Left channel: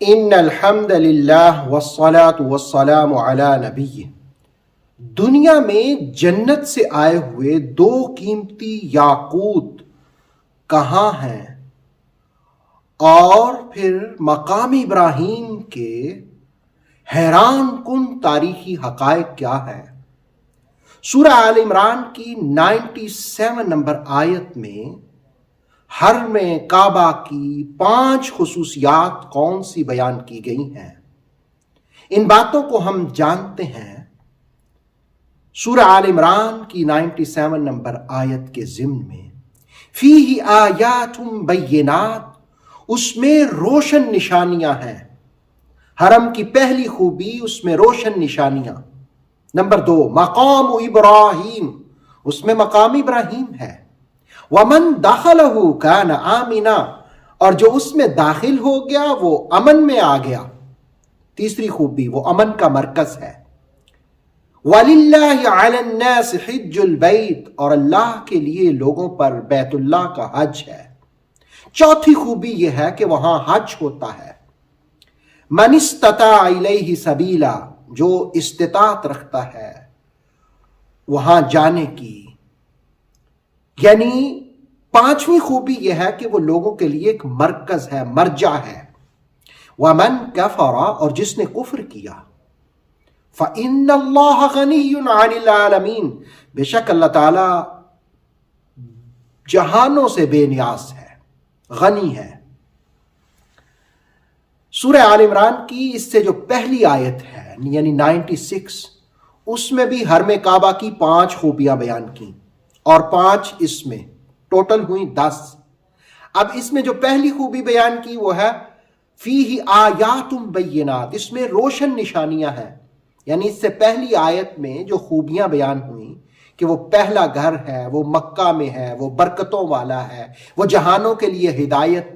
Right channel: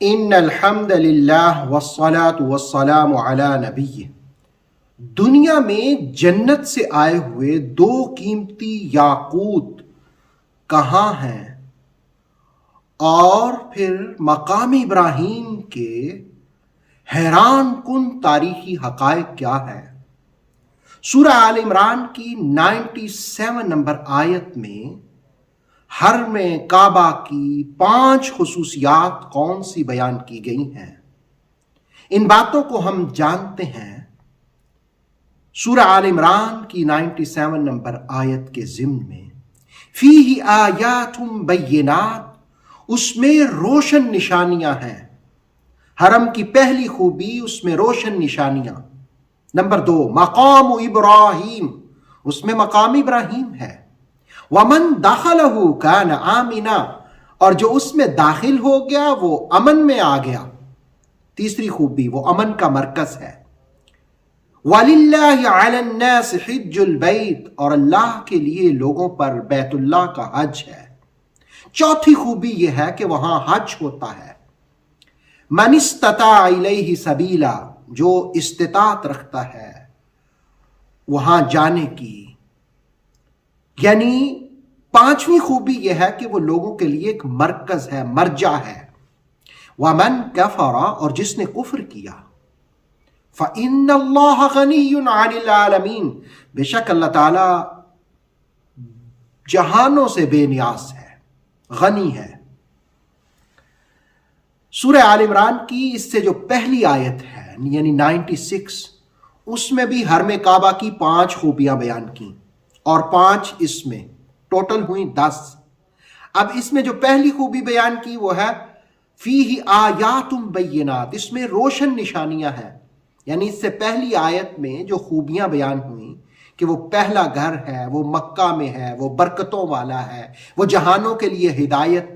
ان الحمد للہ والصلاة والسلام علی نبی. دنیا میں جنت سے آئے ہوئے دو قیمتی یاقوت کہاں ہیں، اور پھر مقام ابراہیم کے حیران کن تاریخی حقائق کیا ہے؟ سورہ آل عمران کی 97 نمبر آیت میں حرم کعبہ کی 5 خصوصیات کون سی بیان کی گئی ہیں؟ ان باتوں کو ہم جانتے ہیں سورہ آل عمران کی 97 نمبر آیت کے ضمن میں. فیہ آیات بینات، اس میں روشن نشانیاں ہیں. حرم کی پہلی خوبی اس میں روشن نشانیاں. نمبر 2 مقام ابراہیم، اس میں مقام ابراہیم ہے. ومن دخلہ کان آمنا، اور جو اس میں داخل ہو گیا وہ امن میں آ گیا. تیسری خوبی وہ امن کا مرکز ہے. وَلِلَّهِ عَلَى النَّاسِ حِجُّ الْبَيْتِ، اور اللہ کے لیے لوگوں پر بیت اللہ کا حج ہے. چوتھی خوبی یہ ہے کہ وہاں حج ہوتا ہے. من استطاع الیہ سبیلا، جو استطاعت رکھتا ہے وہاں جانے کی. یعنی 5ویں خوبی یہ ہے کہ وہ لوگوں کے لیے ایک مرکز ہے، مرجع ہے. وَمَن كَفَرَ، اور جس نے کفر کیا. فَإِنَّ اللَّهَ غَنِيٌّ عَنِ الْعَالَمِينَ، بے شک اللہ تعالی جہانوں سے بے نیاز ہے، غنی ہے. سورہ آل عمران کی اس سے جو پہلی آیت ہے یعنی 96، اس میں بھی حرم کعبہ کی 5 خوبیاں بیان کی اور 5 اس میں ٹوٹل ہوئی 10. اب اس میں جو پہلی خوبی بیان کی وہ ہے فیہ آیات بینات، اس میں روشن نشانیاں ہیں. یعنی اس سے پہلی آیت میں جو خوبیاں بیان ہوئیں کہ وہ پہلا گھر ہے، وہ مکہ میں ہے، وہ برکتوں والا ہے، وہ جہانوں کے لیے ہدایت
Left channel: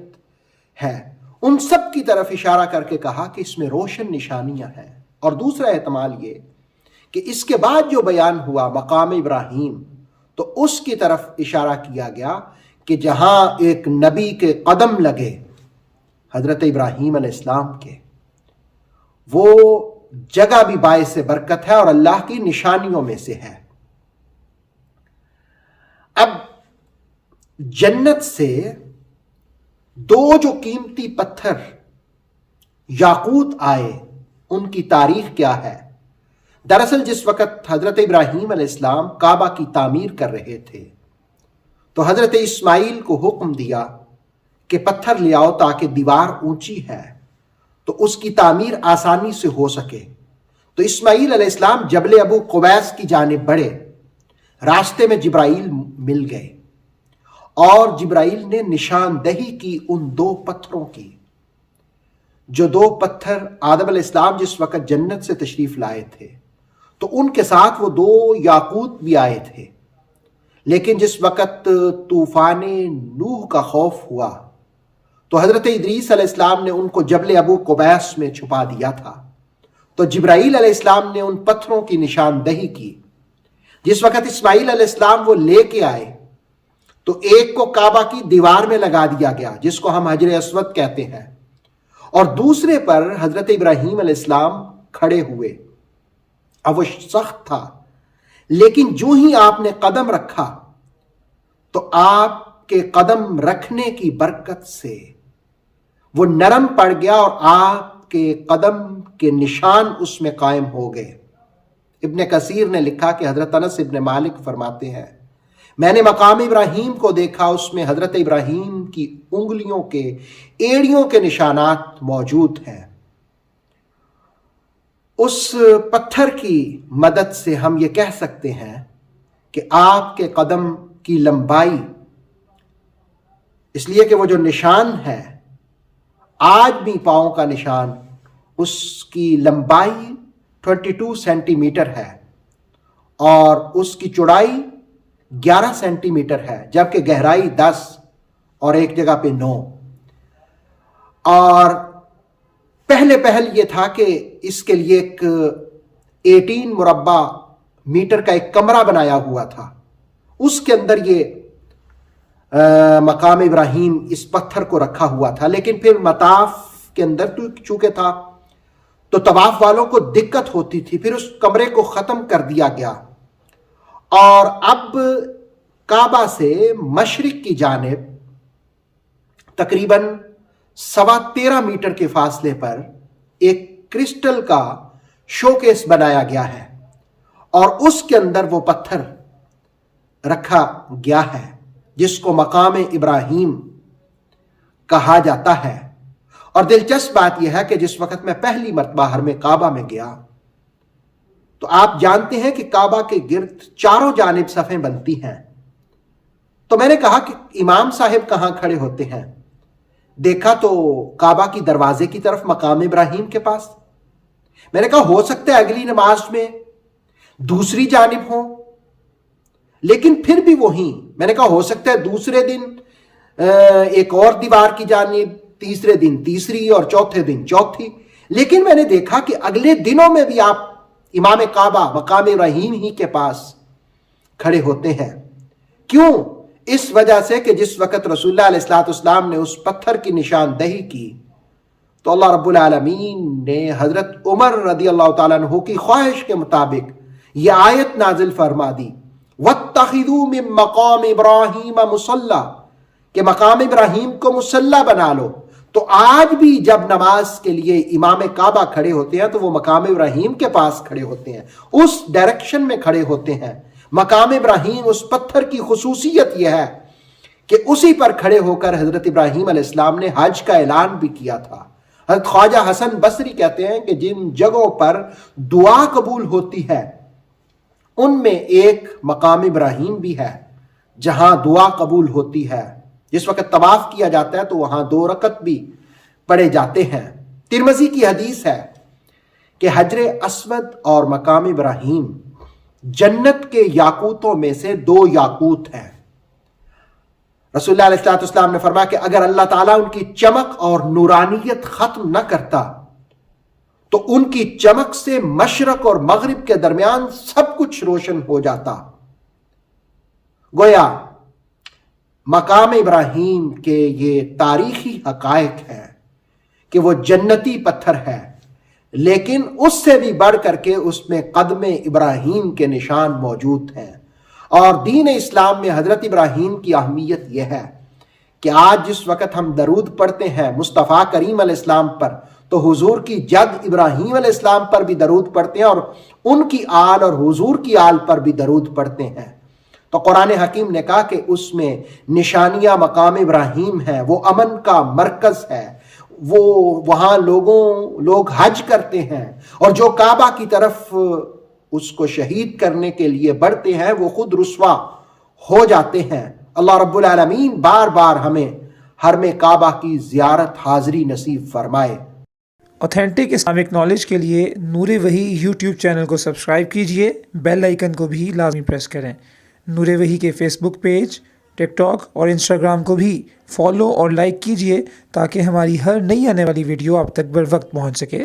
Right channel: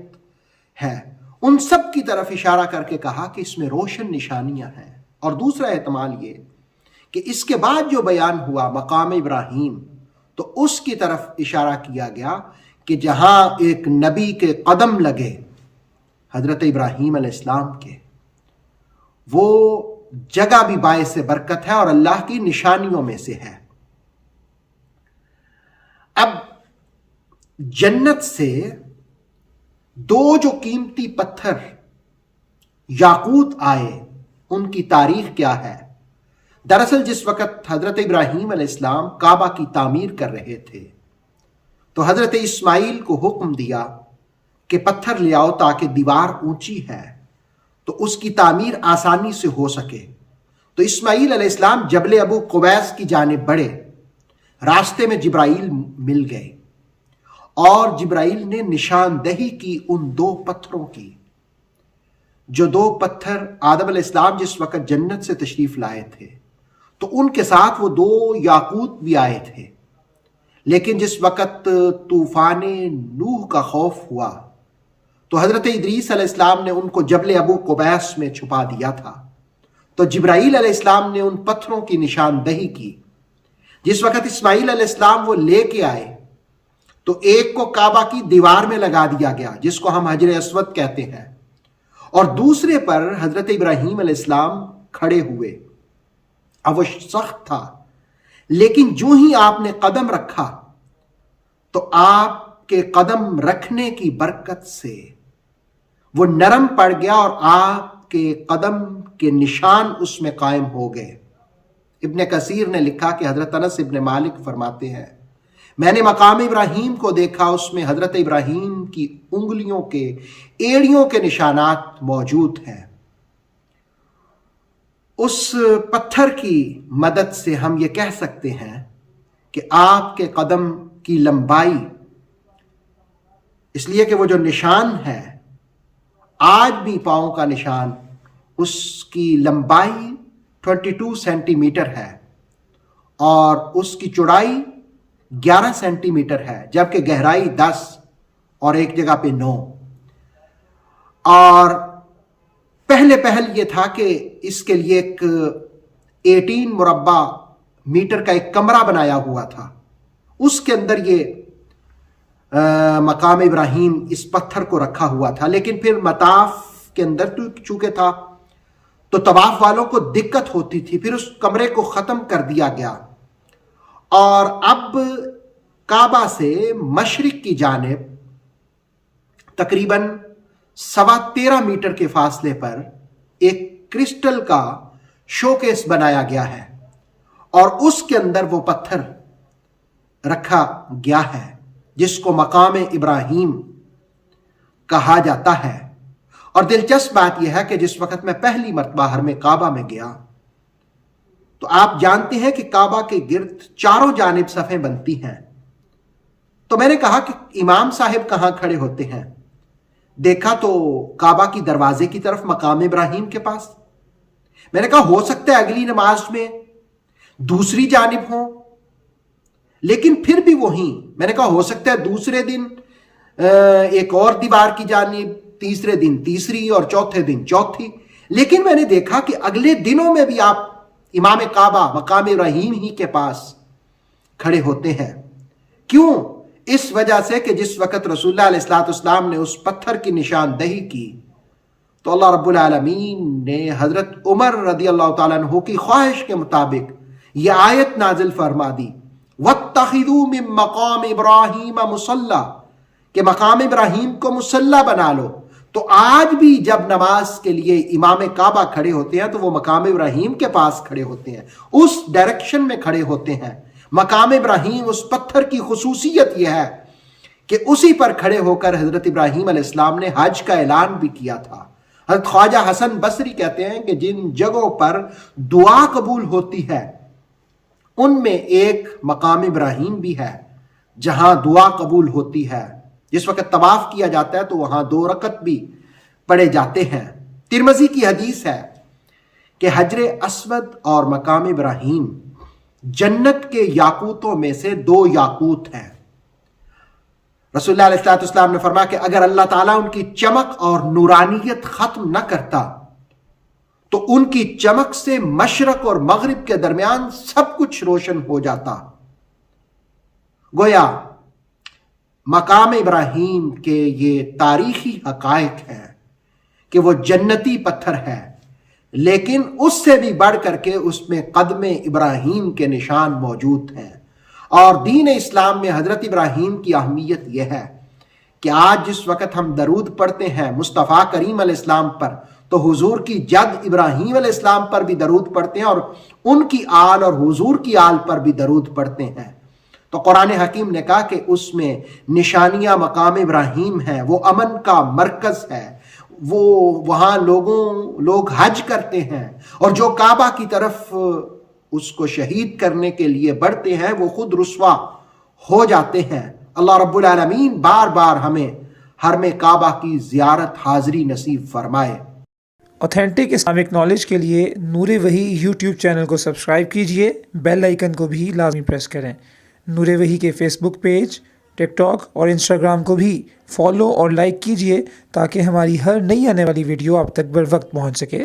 ہے، ان سب کی طرف اشارہ کر کے کہا کہ اس میں روشن نشانیاں ہیں. اور دوسرا احتمال یہ کہ اس کے بعد جو بیان ہوا مقام ابراہیم، تو اس کی طرف اشارہ کیا گیا کہ جہاں ایک نبی کے قدم لگے حضرت ابراہیم علیہ السلام کے، وہ جگہ بھی باعث برکت ہے اور اللہ کی نشانیوں میں سے ہے. اب جنت سے 2 جو قیمتی پتھر یاقوت آئے، ان کی تاریخ کیا ہے؟ دراصل جس وقت حضرت ابراہیم علیہ السلام کعبہ کی تعمیر کر رہے تھے تو حضرت اسماعیل کو حکم دیا کہ پتھر لے آؤ تاکہ دیوار اونچی ہے تو اس کی تعمیر آسانی سے ہو سکے. تو اسماعیل علیہ السلام جبل ابو قبیس کی جانب بڑھے. راستے میں جبرائیل مل گئے اور جبرائیل نے نشاندہی کی ان 2 پتھروں کی. جو 2 پتھر آدم علیہ السلام جس وقت جنت سے تشریف لائے تھے تو ان کے ساتھ وہ 2 یاقوت بھی آئے تھے. لیکن جس وقت طوفان نوح کا خوف ہوا تو حضرت ادریس علیہ السلام نے ان کو جبل ابو قبیس میں چھپا دیا تھا. تو جبرائیل علیہ السلام نے ان پتھروں کی نشاندہی کی. جس وقت اسماعیل علیہ السلام وہ لے کے آئے تو ایک کو کعبہ کی دیوار میں لگا دیا گیا جس کو ہم حجر اسود کہتے ہیں، اور دوسرے پر حضرت ابراہیم علیہ السلام کھڑے ہوئے. اب وہ سخت تھا، لیکن جو ہی آپ نے قدم رکھا تو آپ کے قدم رکھنے کی برکت سے وہ نرم پڑ گیا اور آپ کے قدم کے نشان اس میں قائم ہو گئے. ابن کثیر نے لکھا کہ حضرت انس ابن مالک فرماتے ہیں میں نے مقام ابراہیم کو دیکھا، اس میں حضرت ابراہیم کی انگلیوں کے ایڑیوں کے نشانات موجود ہیں. اس پتھر کی مدد سے ہم یہ کہہ سکتے ہیں کہ آپ کے قدم کی لمبائی، اس لیے کہ وہ جو نشان ہے آدمی پاؤں کا نشان، اس کی لمبائی 22 سینٹی میٹر ہے اور اس کی چوڑائی 11 سینٹی میٹر ہے، جبکہ گہرائی 10 اور ایک جگہ پہ 9. اور پہل یہ تھا کہ اس کے لیے ایک 18 مربع میٹر کا ایک کمرہ بنایا ہوا تھا، اس کے اندر یہ مقام ابراہیم اس پتھر کو رکھا ہوا تھا. لیکن پھر مطاف کے اندر چونکہ تھا تو طواف والوں کو دقت ہوتی تھی، پھر اس کمرے کو ختم کر دیا گیا اور اب کعبہ سے مشرق کی جانب تقریباً 13.25 میٹر کے فاصلے پر ایک کرسٹل کا شوکیس بنایا گیا ہے اور اس کے اندر وہ پتھر رکھا گیا ہے جس کو مقام ابراہیم کہا جاتا ہے۔ اور دلچسپ بات یہ ہے کہ جس وقت میں پہلی مرتبہ حرم کعبہ میں گیا تو آپ جانتے ہیں کہ کعبہ کے گرد چاروں جانب صفیں بنتی ہیں، تو میں نے کہا کہ امام صاحب کہاں کھڑے ہوتے ہیں؟ دیکھا تو کعبہ کی دروازے کی طرف مقام ابراہیم کے پاس۔ میں نے کہا ہو سکتا ہے اگلی نماز میں دوسری جانب ہوں، لیکن پھر بھی وہیں۔ میں نے کہا ہو سکتا ہے دوسرے دن ایک اور دیوار کی جانب، تیسرے دن تیسری اور چوتھے دن چوتھی، لیکن میں نے دیکھا کہ اگلے دنوں میں بھی آپ امام کعبہ مقام ابراہیم ہی کے پاس کھڑے ہوتے ہیں۔ کیوں؟ اس وجہ سے کہ جس وقت رسول اللہ علیہ الصلوۃ والسلام نے اس پتھر کی نشاندہی کی تو اللہ رب العالمین نے حضرت عمر رضی اللہ تعالیٰ عنہ کی خواہش کے مطابق یہ آیت نازل فرما دی، وَاتَّخِذُوا مِن مَقَامِ إِبْرَاهِيمَ مُصَلَّى، کہ مقام ابراہیم کو مصلی بنا لو۔ تو آج بھی جب نماز کے لیے امام کعبہ کھڑے ہوتے ہیں تو وہ مقام ابراہیم کے پاس کھڑے ہوتے ہیں، اس ڈائریکشن میں کھڑے ہوتے ہیں۔ مقام ابراہیم، اس پتھر کی خصوصیت یہ ہے کہ اسی پر کھڑے ہو کر حضرت ابراہیم علیہ السلام نے حج کا اعلان بھی کیا تھا۔ حضرت خواجہ حسن بصری کہتے ہیں کہ جن جگہوں پر دعا قبول ہوتی ہے ان میں ایک مقام ابراہیم بھی ہے جہاں دعا قبول ہوتی ہے۔ جس وقت طواف کیا جاتا ہے تو وہاں 2 رکعت بھی پڑھے جاتے ہیں۔ ترمذی کی حدیث ہے کہ حجر اسود اور مقام ابراہیم جنت کے یاقوتوں میں سے 2 یاقوت ہیں۔ رسول اللہ علیہ السلام نے فرمایا کہ اگر اللہ تعالیٰ ان کی چمک اور نورانیت ختم نہ کرتا تو ان کی چمک سے مشرق اور مغرب کے درمیان سب کچھ روشن ہو جاتا۔ گویا مقام ابراہیم کے یہ تاریخی حقائق ہے کہ وہ جنتی پتھر ہے، لیکن اس سے بھی بڑھ کر کے اس میں قدم ابراہیم کے نشان موجود ہیں۔ اور دین اسلام میں حضرت ابراہیم کی اہمیت یہ ہے کہ آج جس وقت ہم درود پڑھتے ہیں مصطفیٰ کریم علیہ السلام پر تو حضور کی جد ابراہیم علیہ السلام پر بھی درود پڑھتے ہیں اور ان کی آل اور حضور کی آل پر بھی درود پڑھتے ہیں۔ تو قرآن حکیم نے کہا کہ اس میں نشانیاں مقام ابراہیم ہیں، وہ امن کا مرکز ہے، وہ وہاں لوگ حج کرتے ہیں اور جو کعبہ کی طرف اس کو شہید کرنے کے لیے بڑھتے ہیں وہ خود رسوا ہو جاتے ہیں۔ اللہ رب العالمین بار بار ہمیں حرم کعبہ کی زیارت حاضری نصیب فرمائے۔ اوتھینٹک اسلامک نالج کے لیے نور وحی یوٹیوب چینل کو سبسکرائب کیجئے، بیل آئیکن کو بھی لازمی پریس کریں۔ نور وحی کے فیس بک پیج، ٹک ٹاک اور انسٹاگرام کو بھی فالو اور لائک کیجئے تاکہ ہماری ہر نئی آنے والی ویڈیو آپ تک بر وقت پہنچ سکے۔